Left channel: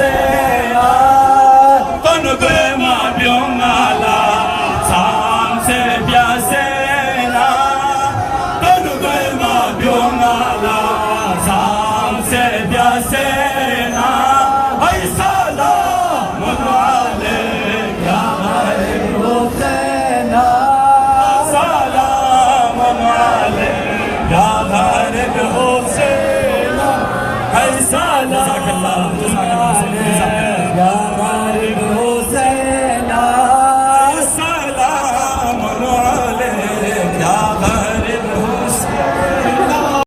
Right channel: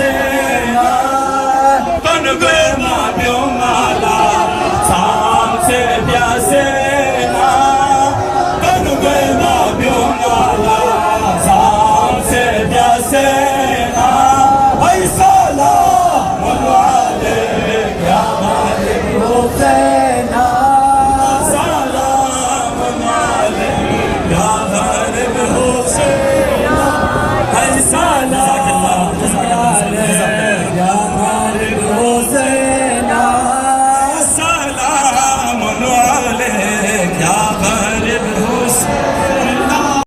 se na con que ma pion la sam se pia se na con que ma pion la sam se pia se